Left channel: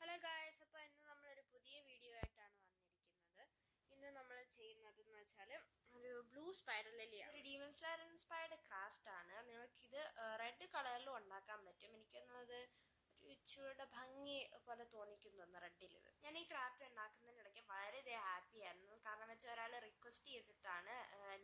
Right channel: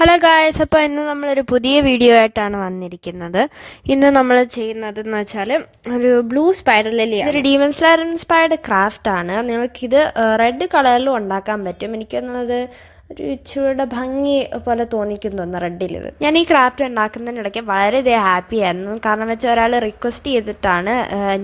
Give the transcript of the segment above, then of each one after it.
Hello guys, അപ്പോൾ ഇന്ന് നമ്മളൊരു പുതിയ വീഡിയോ ആയിട്ടാണ് വന്നിരിക്കുന്നത്. ഇന്ന് നമ്മൾ ചെയ്യുന്നതെന്ന് വെച്ചാൽ ഒരു ബ്ലൂ സ്പൈഡർ ലില്ലിയാണ്. ഇതൊരു ഡീമൺ സ്ലെയർ ഇൻസ്പയർഡ് ക്രാഫ്റ്റാണ്. നിങ്ങൾക്കിത് റെഡ് കളറിലും ഉണ്ടാക്കാൻ പറ്റും. എനിക്കൊന്നത് ഒരു ഇച്ചിരിയുടെ ഭംഗി പോലെ തോന്നിക്കുന്നു റെഡിലിത്. ഞാൻ ഈ ക്രാഫ്റ്റ് ഉണ്ടാക്കുന്നതിനിടയ്ക്ക് വളരെയധികം ഹാപ്പി ആയിരുന്നു. കാരണം വെച്ചാൽ ഒരാൾ റിക്വസ്റ്റ് ചെയ്തിട്ടാണ്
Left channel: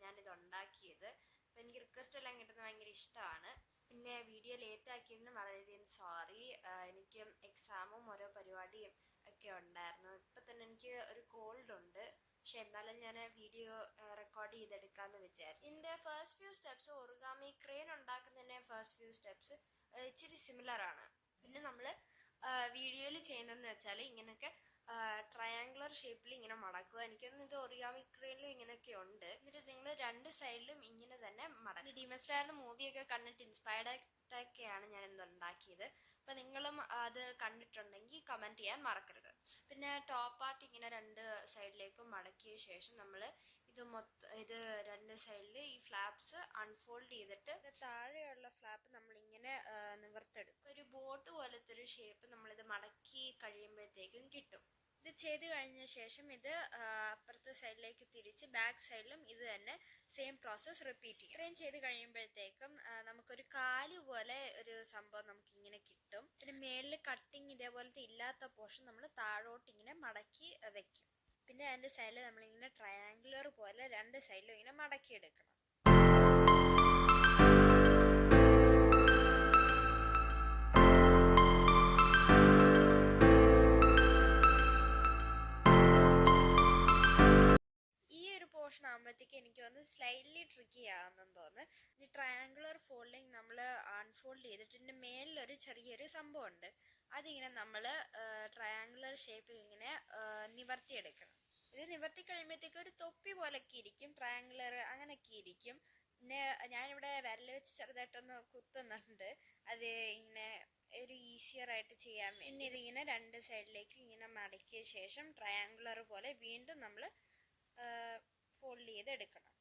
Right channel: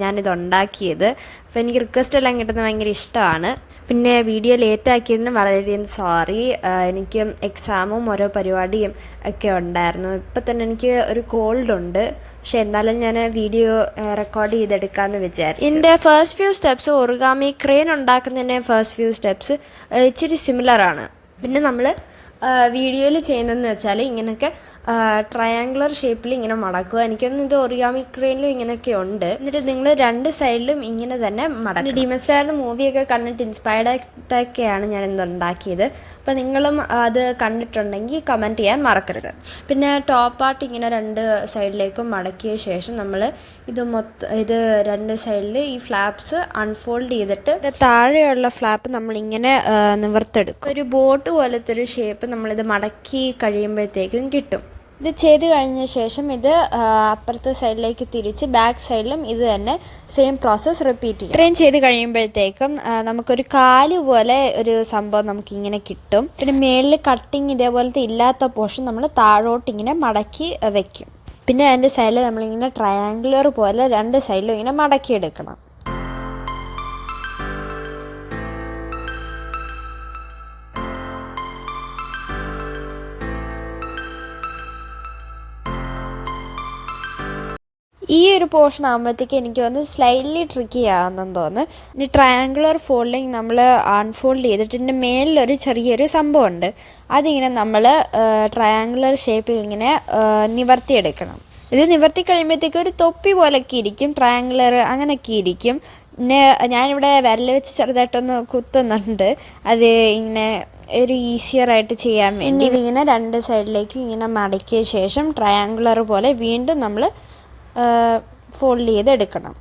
ഞാനിത് ഉണ്ടാക്കിയത്. അപ്പോൾ എനിക്ക് റിക്വസ്റ്റ് എല്ലാം കിട്ടുന്നത് ഭയങ്കര ഇഷ്ടമാണ്. പിന്നെ വീഡിയോ ലേറ്റാക്കിയതിന് വളരെയധികം സോറി. എനിക്ക് എക്സാമും ഓരോ പരിപാടിയും ഒക്കെ ഉണ്ടായിരുന്നു. ഇപ്പം തന്നെ എനിക്ക് ഒരു കോൾഡ് ഉണ്ട്. പക്ഷെ എന്നാലും ഞാൻ വീഡിയോ റെക്കോർഡ് ചെയ്തെടുക്കാമെന്ന് വിചാരിച്ചു. എൻ്റെ first few steps origami crane ഉണ്ടാക്കുന്നതിൻ്റെ ഫസ്റ്റ് ഫ്യൂ സ്റ്റെപ്സ് ഇച്ചിരി സിമിലറാണ്. പിന്നെ നമ്മൾ വീഡിയോയിൽ ചെയ്യുന്നതെന്ന് വെച്ചാൽ ഇങ്ങനെയൊക്കെ ട്രയാങ്കുലർ ഷേപ്പിൽ ഇങ്ങനെ മടക്കുക. എനിക്കൊന്നും ഇത് ഒറിഗാമി ക്രെയിനിലും ഇങ്ങനെയൊക്കെ ഉണ്ട്. എന്നിട്ട് നിങ്ങൾ രണ്ട് സൈഡിലും ഇങ്ങനെ തന്നെ മടക്കുക. ഡീമൺ സ്ലെയറിൻ്റെ മൂവിയൊക്കെ കണ്ടിട്ട് ഇൻസ്പയർഡ് ആയിട്ടൊക്കെയാണ് ഞാൻ ഇന്ന് ഉണ്ടാക്കിയത്. അപ്പോൾ നിങ്ങളും അത് കണ്ടിട്ടുണ്ടെങ്കിൽ കമൻറ്റ് ചെയ്യാൻ മറക്കരുത്. പിന്നെ ടോപ്പ് പാർട്ട് ഇങ്ങനെ രണ്ട് സൈഡിലേക്കും മടക്കിയ ശേഷം നമ്മൾ ഇത് രണ്ട് സൈഡിൽ ഈ ഫ്ലാപ്സ് അൺഫോൾഡ് ചെയ്തിട്ട് താഴെയുള്ള ഫ്ലാപ്പ് നമ്മളിങ്ങനെ നിവർത്തെടുക്കും. ഒരു ബോട്ട് പോലത്തെ ഒരു ഷേപ്പ് നമ്മളിത് മടക്കി കഴിയുമ്പോഴത്തേക്കും കിട്ടും. ഇത് ചെയ്ത് കഴിഞ്ഞ ശേഷം ഇത് അപ്പുറത്തെ സൈഡിലേക്ക് തിരിച്ച് ബാക്ക് സൈഡിലും ഇത് തന്നെ സെയിം പ്രോസസ്സ് റിപ്പീറ്റ് ചെയ്യും. ഇത്രയും ചെയ്ത് കഴിയുമ്പോഴത്തേക്കും നമുക്കൊരു കാല് പോലെ ഒരു സംഭവം നമുക്കിങ്ങനെ കിട്ടും. പിന്നെ മേളിൽ കട്ടിങ് ഇതേപോലത്തെ ഇല്ലാത്ത പോർഷൻ നമ്മൾ താഴോട്ട് ഇങ്ങനെ മടക്കി വെക്കും. പിന്നെ അതിൻ്റെ സൈഡിൽ നമ്മളിങ്ങനെ ട്രയാങ്കുലർ പോലെ രണ്ട് സൈഡിലും ഇങ്ങനെ മടക്കിയെടുക്കണം. ഈ ഒരു പോർഷൻ ആകുമ്പോഴത്തേക്ക് എനിക്ക് തോന്നുന്നു സ്ലൈറ്റ്ലി ട്രിക്കി ആകുന്നെന്ന് തോന്നുന്നു. ഇനി ട്രയാങ്കുലർ ഫോൾഡിങ് നമ്മൾ അൺഫോൾഡ് ചെയ്തിട്ട് ഇതിൻ്റെ മേലിലൊരു ചെറിയൊരു സംഭവമുണ്ട്. അതിങ്ങനെ നമ്മൾ ട്രയാങ്കുലർ ഷേപ്പിൽ ഇങ്ങനെ നിവർത്തിയെടുക്കണം. ഇത് നിവർത്തി കഴിയുമ്പോഴത്തേക്ക് ഒരു തൊപ്പി പോലൊക്കെ ഇരിക്കും, ട്രയാങ്കുലർ അങ്ങനെയൊക്കെ ഇരിക്കും. പിന്നെ ഞാനിവിടെ വിരൽ വെച്ച് ചെറുതായിട്ടൊന്ന് കുത്തുന്നുണ്ട്, അത് ഇങ്ങനെ ഒരു ഈസിയറായിട്ട് ചെയ്യാൻ വേണ്ടി. ഇതിങ്ങനെ രണ്ട് സൈഡിലേക്കും ഇങ്ങനെ മടക്കിയ ശേഷം ട്രയാങ്കുലർ പോലെ വീണ്ടും നമ്മൾ ഫോൾഡ് ചെയ്തെടുക്കണം.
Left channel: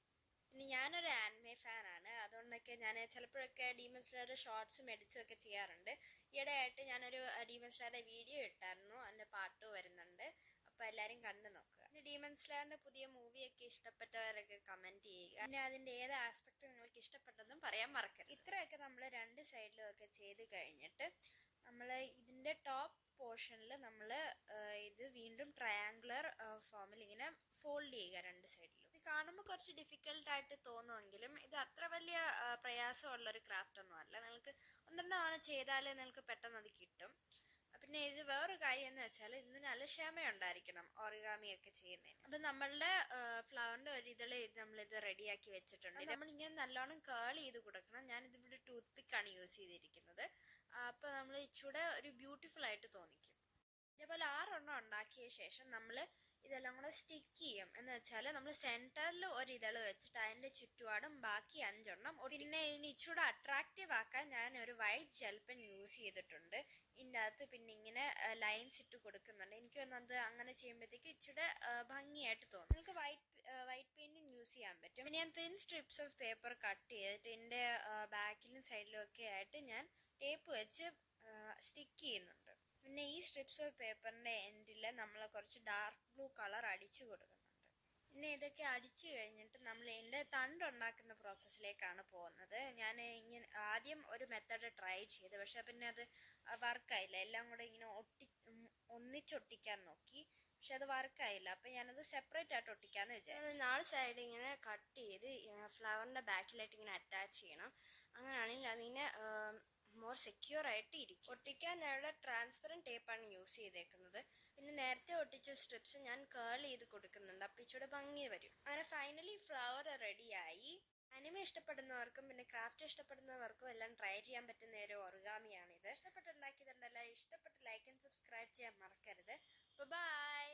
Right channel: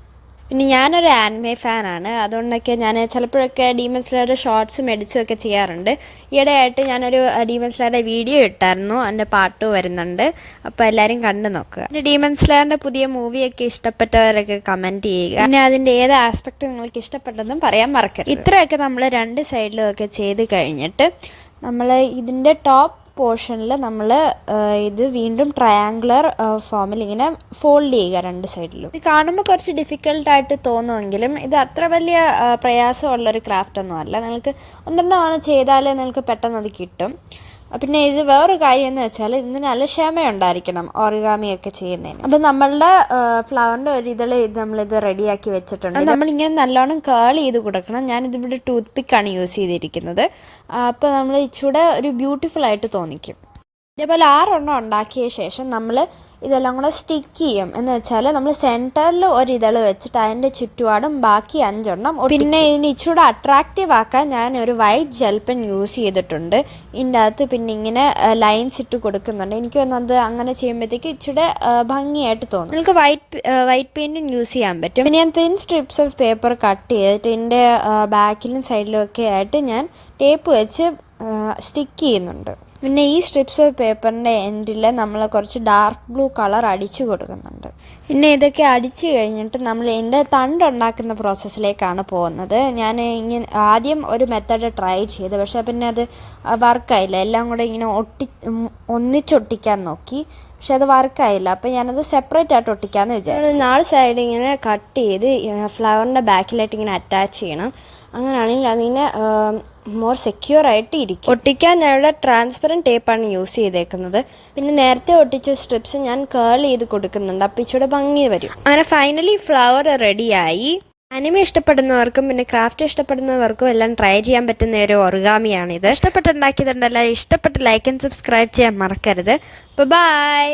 പിന്നെ ഞാനൊരു ആനിമേ ഫാനാണ്, അതുകൊണ്ടൊക്കെ ഞാൻ ചിലപ്പോഴൊക്കെ ഡീമൺ സ്ലെയറുടെ ഷോർട്സും എഡിറ്റ്സും ഒക്കെ ചെയ്യാറുണ്ട്. ഈയിടെയായിട്ട് ഞാനൊരു ഡീമൺ സ്ലെയറുടെ വീഡിയോ ഇട്ടായിരുന്നു, അതിൻ്റെ പാട്ട് വരുന്നുണ്ട്, അപ്പോൾ എല്ലാവരും കണ്ടു നോക്കുക. പിന്നെ ഡീമൺ സ്ലെയറിൻ്റെ പുതിയ മൂവിയൊക്കെ ഇഷ്ടപ്പെട്ടവരൊക്കെ കമൻറ്റ് ചെയ്യുക. പിന്നെ അതിൻ്റെ ഏത് ആസ്പെക്റ്റ് നിങ്ങൾക്ക് ഇഷ്ടപ്പെട്ടെന്നും പറയാൻ മറക്കരുത്. ഇത്രയൊക്കെ നമ്മൾ രണ്ട് സൈഡിലും ഒക്കെ ചെയ്ത് കഴിഞ്ഞിട്ട് നമ്മൾ ഇതിൻ്റെ ടോപ്പ് പോർഷനിൽ നമ്മൾ ഇത് വീണ്ടും ട്രയാങ്കുലർ ഫോമിൽ ഇങ്ങനെ ഫോൾഡ് ചെയ്യുക രണ്ട് സൈഡിലും. ഇത് കാണുമ്പോൾ കുറച്ച് ഡിഫിക്കൽട്ടായിട്ട് തോന്നുമെങ്കിലും ഇത് അത്ര വലിയ പ്രയാസമുള്ളൊരു ക്രാഫ്റ്റൊന്നും അല്ല. നിങ്ങൾക്ക് ഒന്നെണ്ണമാണ് ചെയ്താൽ നിങ്ങൾക്ക് പെട്ടെന്ന് അത് കിട്ടും. പിന്നെ ഇത് വേറൊരു കാര്യം എന്ന് വെച്ചാൽ ഇതിന് നല്ല ക്ഷമയുണ്ടായിരിക്കണം ഓറിഗാമിയൊക്കെ ചെയ്യുന്നതിന്. അപ്പം നമ്മളുടെ ഫ്ലവറിൻ്റെ ഒരു ഇത് നമ്മളിത് റെഡിയാക്കി വെച്ചിട്ടുണ്ട്. നമ്മളിങ്ങനെ നല്ലോണം കേൾ ചെയ്ത് കൊടുക്കണം. ഞാനിതിവിടെ ടൂത്ത് പിക്കാണ് യൂസ് ചെയ്തിരിക്കുന്നത്. അപ്പോൾ നമ്മൾ ഇച്ചിരി ഒരു ബ്യൂട്ടിഫുൾ ആയിട്ട് തോന്നിക്കും. ഇതേപോലെ 6 ഉണ്ടാക്കിയ ശേഷം നമ്മൾ ഇതെല്ലാം കൂടെ സ്റ്റിക്ക് ചെയ്യും. എന്ന് വെച്ചാൽ നമ്മൾ സെൻറ്ററിൽ ഒരു ഇതള് വെച്ചിട്ട് അതിൻ്റെ ചുറ്റുപാടും ബാക്കി 5 പിന്നെ ഇതിന് ഇച്ചിരി അട്രാക്റ്റീവ് ആക്കാൻ ഞാൻ ഒരു വൈറ്റ് ജെൽ പെൻ യൂസ് ചെയ്തിട്ടുണ്ട്. ഇതിൻ്റെ അകത്ത് പിന്നെ ഇങ്ങനെ ലൈൻസ് ഇട്ട് കൊടുക്കുന്നുണ്ട്. എനിക്ക് തോന്നുന്നത് അങ്ങനെ ചെയ്യുമ്പോഴത്തേക്ക് ഇച്ചിരി ഭംഗിയായിട്ട് തോന്നും. നിങ്ങൾക്ക് വൈറ്റ് പെയിൻറ്റും യൂസ് ചെയ്യാൻ പറ്റും. പിന്നെ ഞാൻ thin strips of paper cut ചെയ്തിട്ട് ഇതിൻ്റെ ബാക്കിലും സൈഡിലും ഒക്കെ ആയിട്ട് ഞാൻ ടേപ്പ് വെച്ച് സ്റ്റിക്ക് ചെയ്യുന്നുണ്ട്. പിന്നെ ഈ സ്ട്രിപ്സ് ഓഫ് പേപ്പറിൻ്റെ എൻഡിൽ നമ്മൾ കുറച്ച് ഡാർക്ക് ബ്ലൂ കളർ അടിച്ചു കൊടുക്കുന്നുണ്ട്. പിന്നെ ഇതൊക്കെ അടിച്ചു കഴിഞ്ഞിട്ട് നമ്മൾ ഇതിൻ്റെ തണ്ടുണ്ടാക്കുന്ന പ്രോസസ്സിലേക്കാണ് പോകുന്നത്. ഞാൻ ഇങ്ങനെ ആദ്യം ഒരു മെത്തേഡ് ട്രൈ ചെയ്ത്, പക്ഷേ പിന്നെ അത് വർക്കായില്ല. എല്ലാം കൂടെ ഇങ്ങനെ ഒന്നിച്ചൊട്ടിക്കാൻ നോക്കി, പക്ഷെ അത് വർക്കായില്ല. അപ്പോൾ ഞാനത് സെപ്പറേറ്റ് ആയിട്ട് ഒട്ടിക്കാമെന്ന് വിചാരിച്ചു. 4 സൈഡ് ഇങ്ങനെ കട്ട് ചെയ്ത് ഫ്ലവറിൻ്റെ ബാക്കിലായിട്ട് ഇങ്ങനെ അറ്റാച്ച് ചെയ്യണം. അങ്ങനെയാണെങ്കിൽ അതിനെ മോർ സെക്യൂർ ആയിട്ട് ഇരിക്കും. ഒട്ടിക്കാൻ ഞാനിവിടെ ട്രാൻസ്പെറൻറ്റ് ടേപ്പാണ് യൂസ് ചെയ്തേക്കുന്നത്. പിന്നെ നേരത്തെ ഒട്ടിച്ച സ്ട്രിപ്സ് ഞാൻ കേൾ ചെയ്ത് കൊടുക്കുന്നുണ്ട്, അപ്പോൾ ഇച്ചിരി ഭംഗി വരും. അങ്ങനെ ഫൈനലി ഫ്ലവർ റെഡിയായി. അനിമ ഇഷ്ടപ്പെടുന്നവർക്കും പിന്നെ ക്രാഫ്റ്റ് ഇഷ്ടപ്പെടുന്നവർക്കും എല്ലാം ട്രൈ ചെയ്യാൻ പറ്റുന്ന ഒരു ഒറിഗാമിയാണിത്. ഇഷ്ടപ്പെട്ടുണ്ടാക്കിയതുണ്ടല്ലോ, ഇഷ്ടപ്പെട്ട് ലൈക്ക് ആൻഡ് സബ്സ്ക്രൈബ് ചെയ്യാൻ മറക്കരുത്. ബൈ.